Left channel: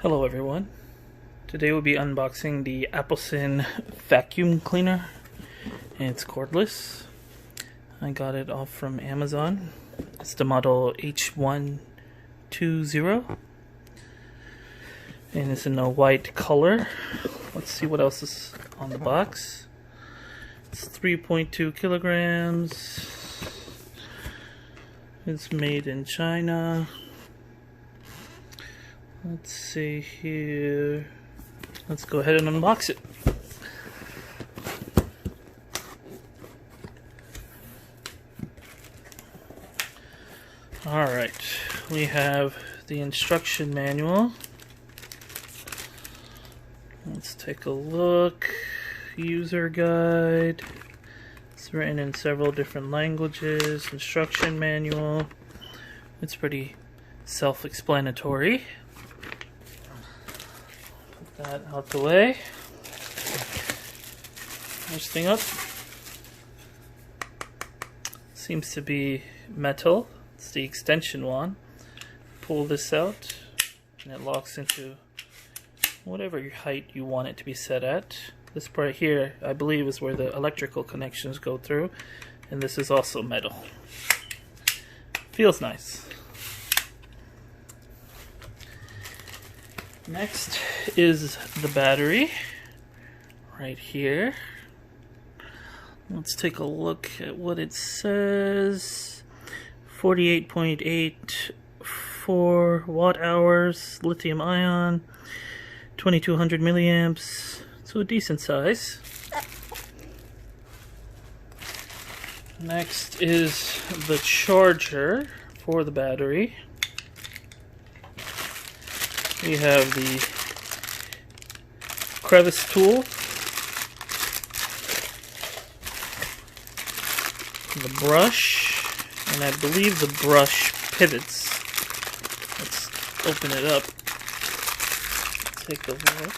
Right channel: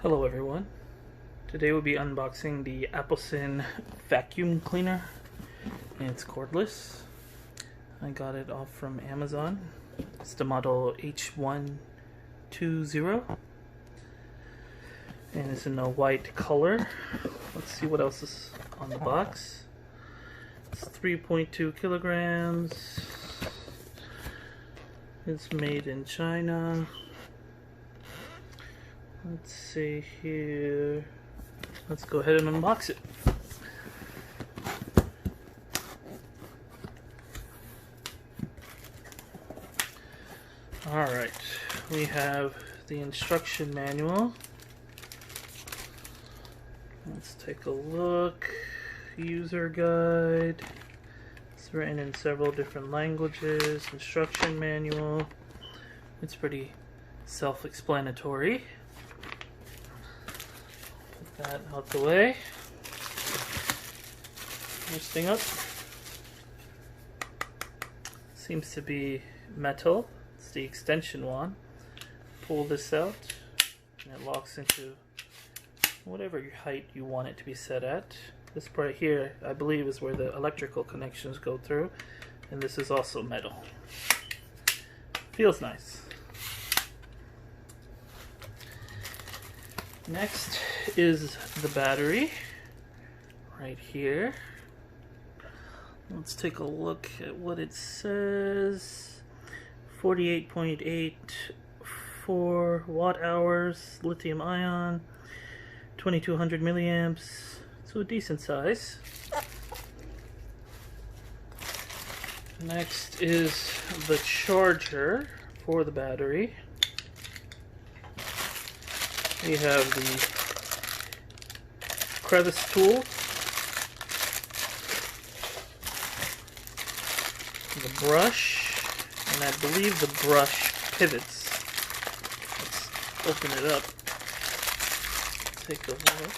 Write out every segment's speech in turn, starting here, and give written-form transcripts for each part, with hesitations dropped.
Hello everyone. Today we'll be unboxing the Aposen vacuum cleaner. It's cordless. I got it off from Amazon. It's the model H120 and it's in a white color. Let's see what else is on the box. It's 3.2 kilograms. It's made in China. Let's see here. Let's go ahead and unbox it. Alright, we have the instruction manual. Let's take a look. User guide. It's written in several different languages. Instruction manual. It's pretty self-explanatory. Put that out the way. First thing up. Seems to be metal. It's the extension one. Pull this out and it locks into whatever height you want it to be set at. This part here, I believe, is where the electrical connections go through, and this is also metal. Feels nice. Next is the battery right here. Let's take a look at what it says. 48.84 watt hours, lithium ion, 2200 milliamps, so a decent size. Next is the charger for the battery. We have the crevice tool, the brush, and I believe the brush pivots. Let's open it up. Take a look.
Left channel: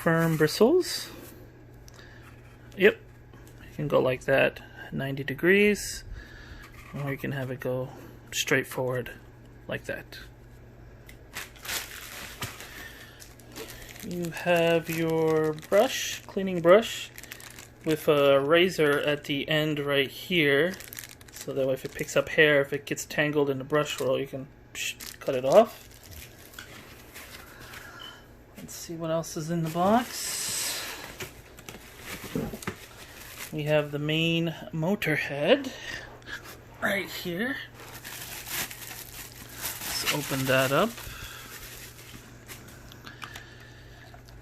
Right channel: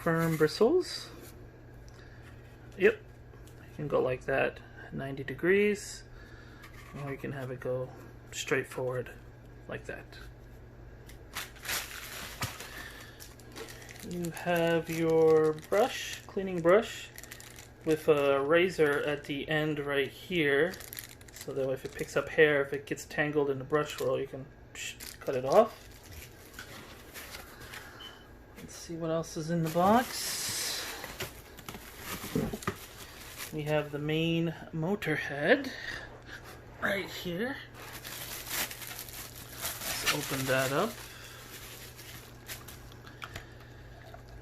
Firm bristles. Yep, you can go like that, 90 degrees, or you can have it go straight forward like that. You have your brush, cleaning brush, with a razor at the end right here, so that if it picks up hair, if it gets tangled in the brush roll, you can cut it off. Let's see what else is in the box. We have the main motor head right here. Let's open that up.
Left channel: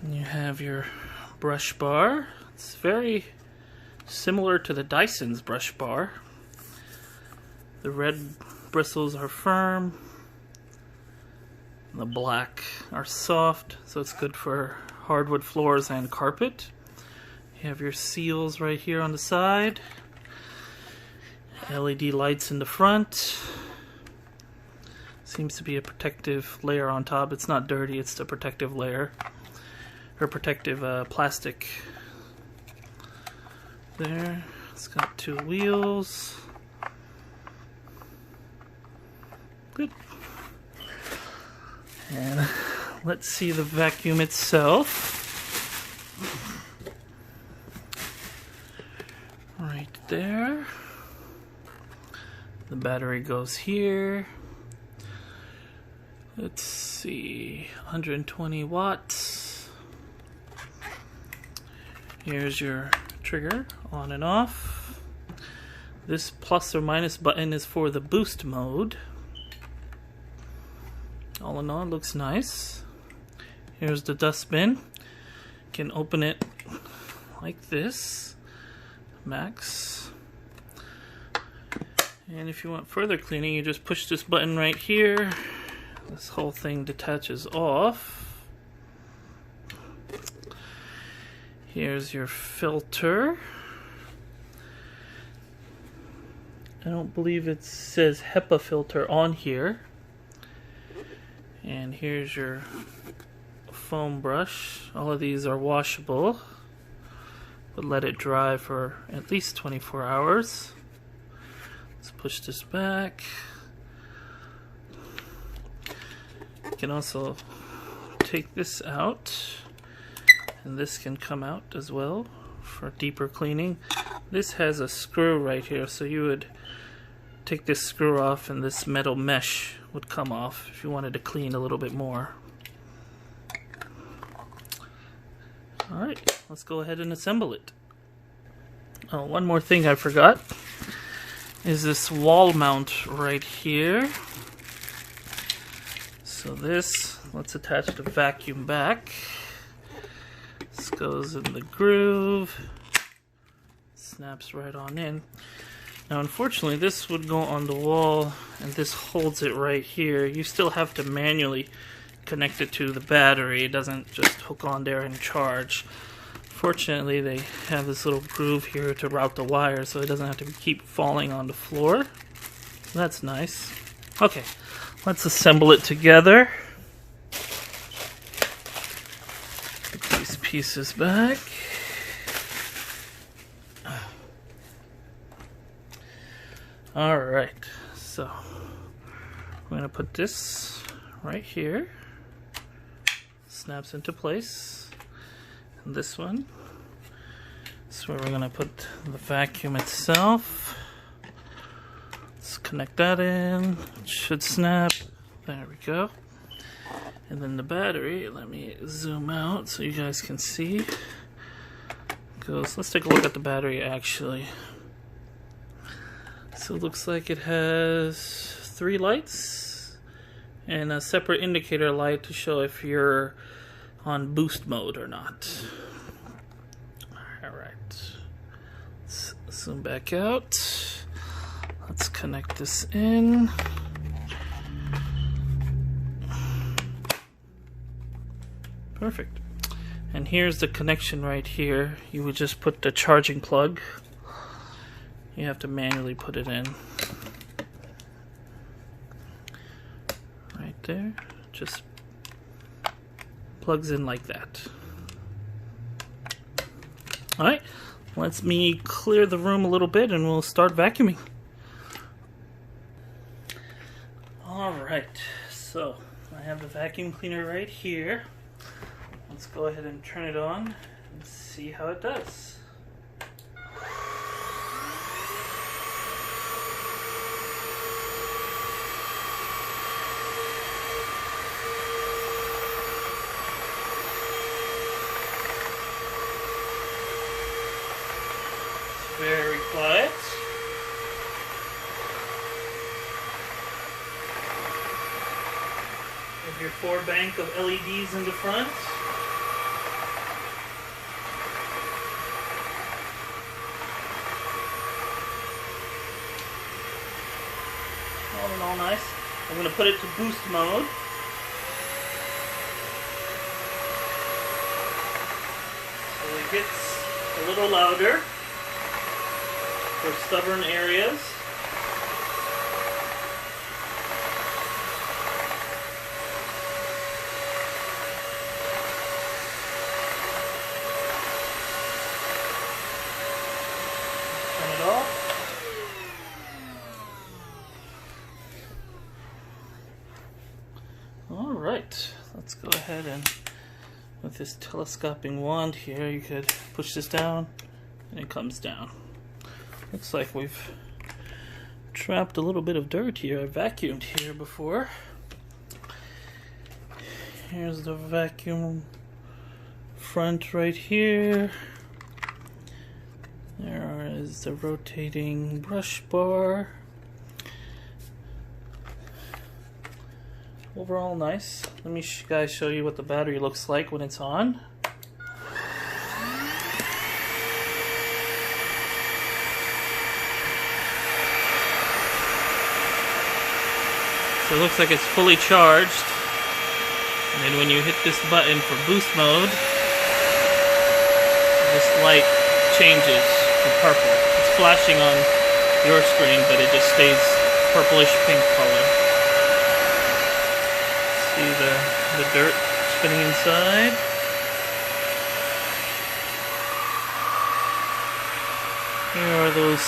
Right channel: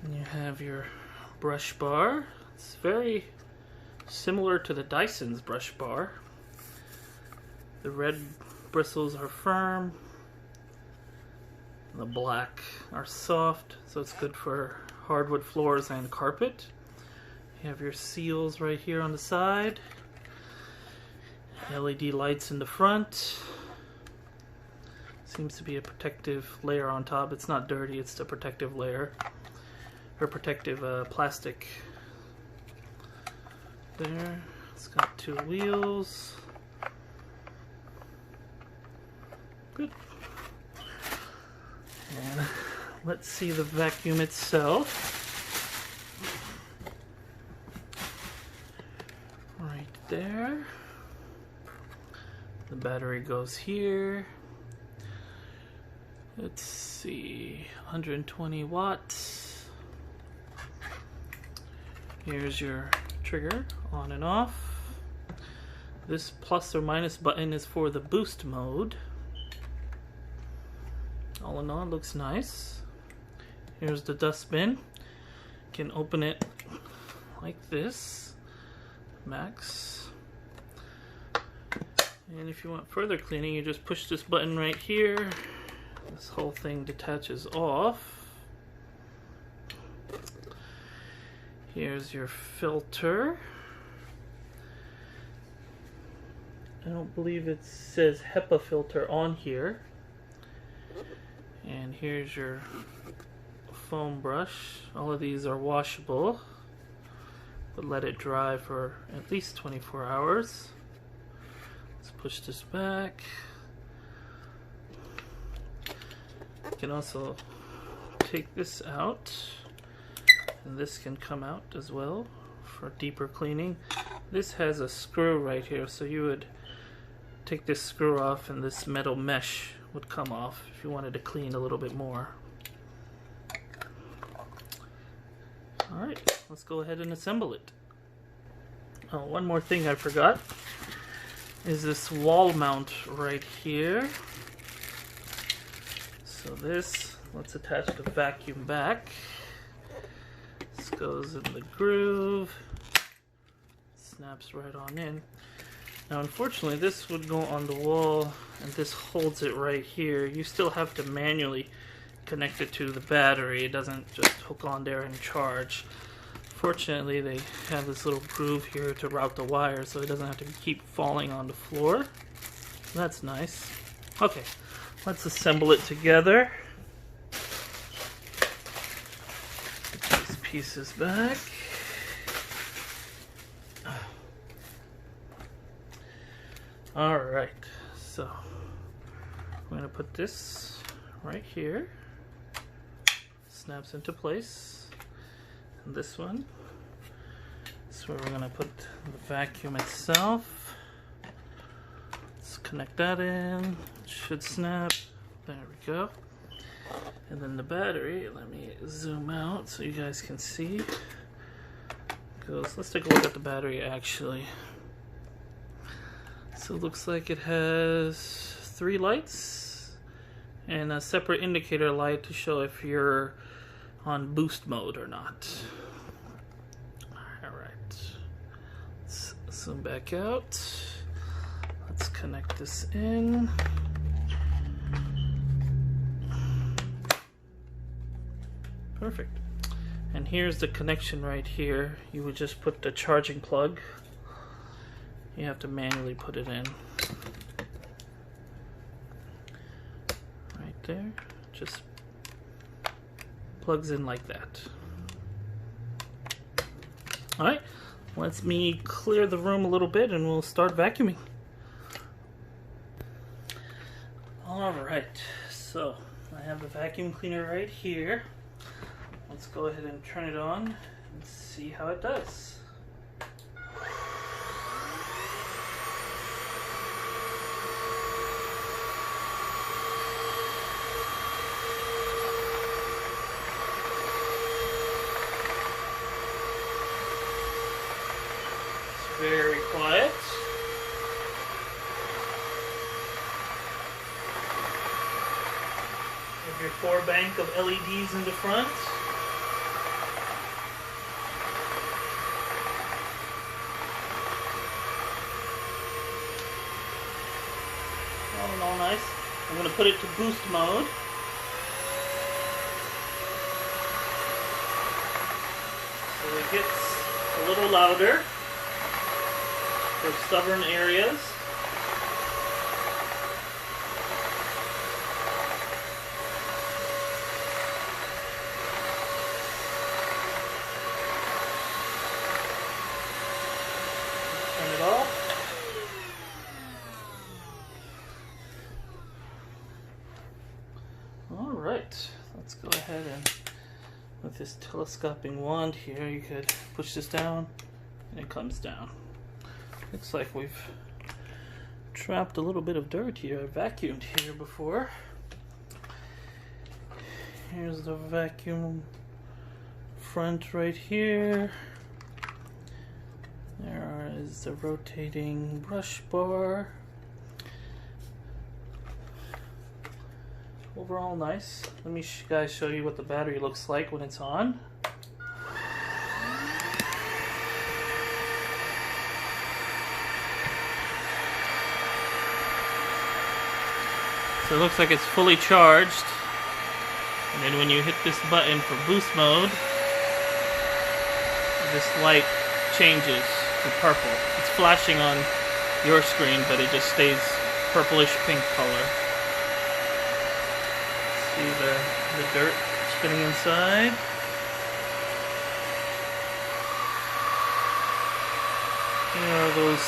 And you have your brush bar. It's very similar to the Dyson's brush bar. The red bristles are firm. The black are soft, so it's good for hardwood floors and carpet. You have your seals right here on the side. LED lights in the front. Seems to be a protective layer on top. It's not dirty, it's the protective layer. Or protective plastic. There. It's got two wheels. Good. And let's see the vacuum itself. Right there. The battery goes here. Let's see, 120 watts. Here's your trigger, on and off. This plus or minus button is for the boost mode. All in all, it looks nice. Here's the dustbin. You can open it like this, max. And if you want further cleaning, you just push this button right here. This whole thing detaches off. Here's your filter. I don't believe it says HEPA filter on here. And here's your foam brush. All of these are washable, but let it dry for at least 24 hours. Let's push this back. You can also take this out, and this can come out as well for deeper cleaning. This has a screw right here, so you would take this screw off and this metal mesh would come off if you wanted to clean a little bit more. Alright, let's go ahead and assemble it. Oh, one more thing I forgot is this wall mount right here. So this, let's attach the vacuum back. This goes in the groove, snaps right on in. Now unfortunately this would go on the wall and this holds it right here. You still have to manually connect it to the battery. It doesn't just hook on there and charge. Fortunately they have this little groove here to route the wire so it doesn't have to keep falling on the floor. That's nice. Okay, let's assemble it together. Put these pieces back. Alright, so I'm going to put this right here. Snaps into place. And this one is where we're going to put the vacuum itself. Let's connect that in. It should snap. There we go. And then the battery, let me zoom out so you guys can see. Let's take a look at the battery actually. So it looks like it has 3 lights and a separate indicator light to show if you're on boost mode or not. Alright, let's zoom back out. Let's connect this in. Perfect. And here's the connection right here. You would just put the charging plug. You have to manually put it in. Right there. Just plugs in like that. Alright, let me clear the room a little bit and we'll start vacuuming. Alright, so I have the vacuum cleaner right here. Let's go ahead and turn it on and see how it does. Very quiet. Have your 4 bank of LEDs in the front. All in all nice. I'm going to put it to boost mode. So it gets a little louder for stubborn areas. Turn it off. Alright, let's go ahead and with this telescoping wand here, you could push this down and it comes down. Looks like we've trapped a little bit of dirt here. I vacuumed here before. Here's the vacuum front right here. There is the rotating brush bar. Overall nice. Let me guys show you what the battery looks like when it's on. So it looks like it's fully charged, and then when you hit this button for boost mode, this light changes to purple. It's flashing on your screen, but it just stays purplish pink color. See the dirt spinning inside. Here are those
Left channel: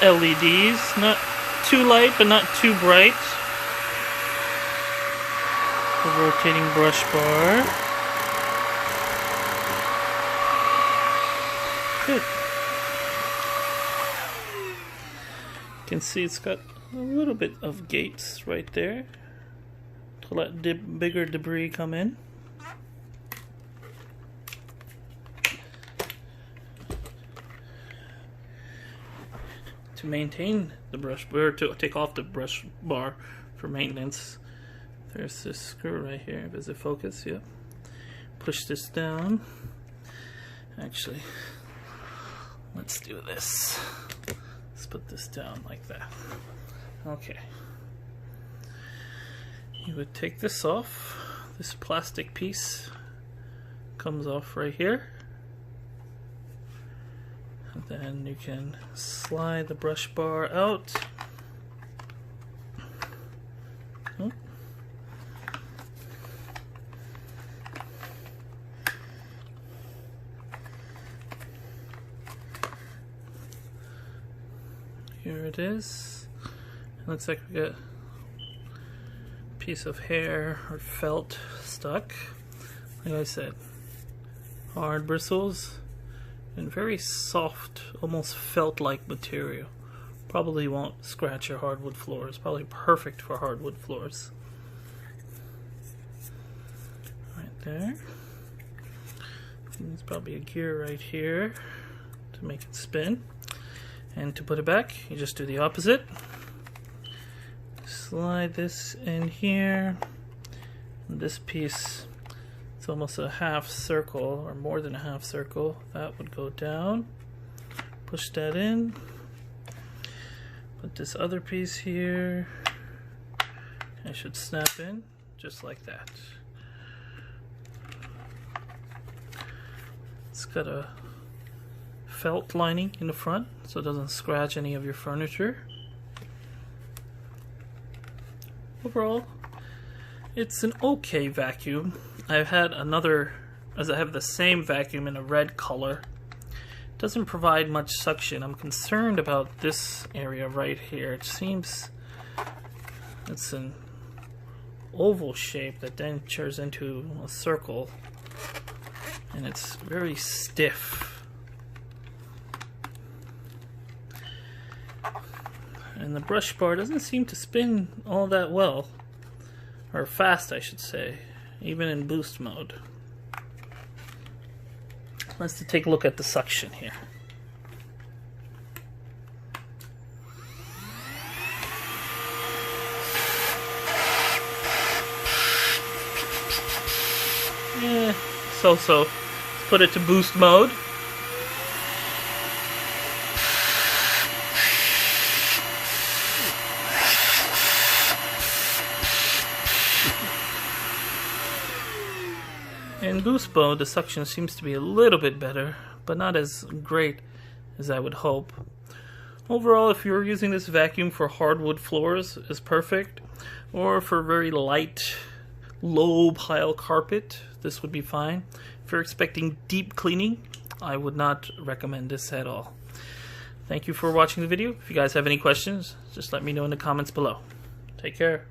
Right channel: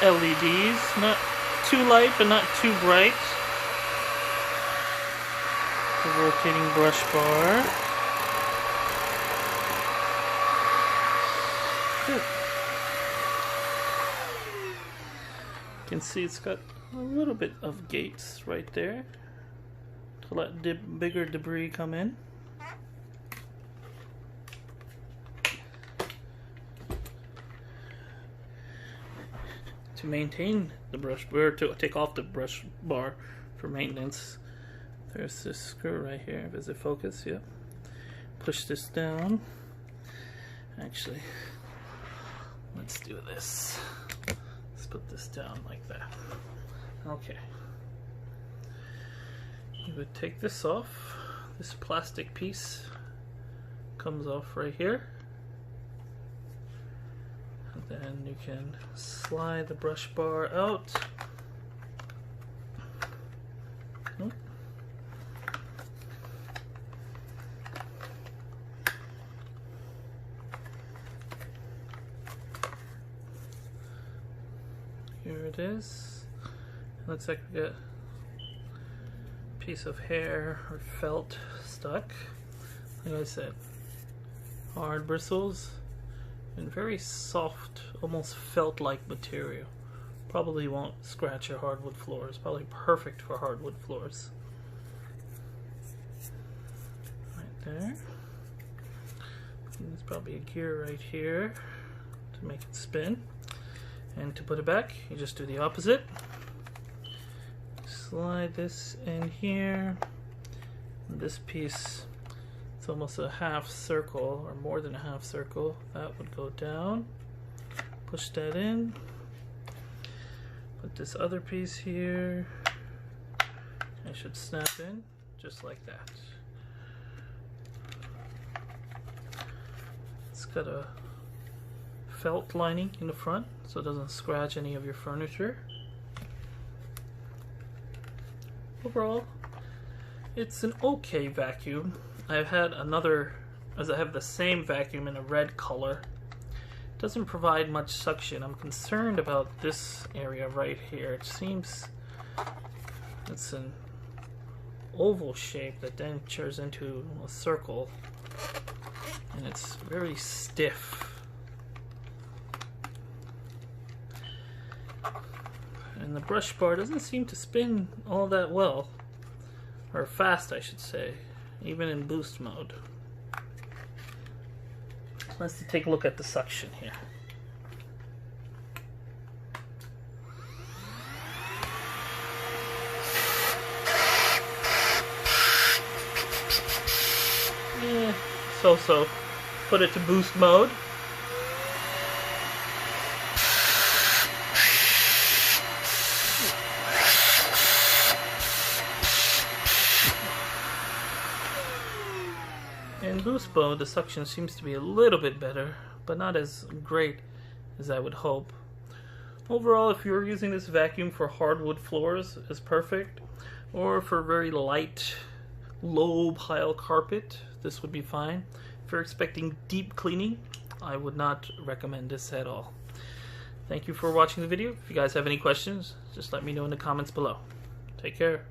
LEDs, not too light, but not too bright. The rotating brush bar. Good. You can see it's got a little bit of gaps right there to let bigger debris come in. To maintain the brush bar, to take off the brush bar for maintenance, there's this screw right here. Does it focus? Yep. Push this down. Actually, let's do this. Let's put this down like that. Okay. You would take this off. This plastic piece comes off right here. And then you can slide the brush bar out. Here it is. It looks like we got a piece of hair or felt stuck. Like I said, hard bristles and very soft, almost felt-like material. Probably won't scratch your hardwood floors. Probably perfect for hardwood floors. Right there. And there's probably a gear right here to make it spin. And to put it back, you just do the opposite. Slide this in here. And this piece, it's almost a half circle, or more than a half circle. That would go down. Push that in. Put this other piece here. I should snap in, just like that. It's got a felt lining in the front so it doesn't scratch any of your furniture. Overall, it's an okay vacuum. I've had another, as I have the same vacuum in a red color. It doesn't provide much suction. I'm concerned about this area right here. It seems it's an oval shape that then turns into a circle, and it's very stiff. And the brush bar doesn't seem to spin all that well, or fast I should say, even in boost mode. Let's take a look at the suction here. Yeah, so. Put it to boost mode. In boost mode, the suction seems to be a little bit better, but not as great as I would hope. Overall, if you're using this vacuum for hardwood floors, is perfect, or for very light, low pile carpet, this would be fine. If you're expecting deep cleaning, I would not recommend this at all. Thank you for watching the video. If you guys have any questions, just let me know in the comments below. Take care.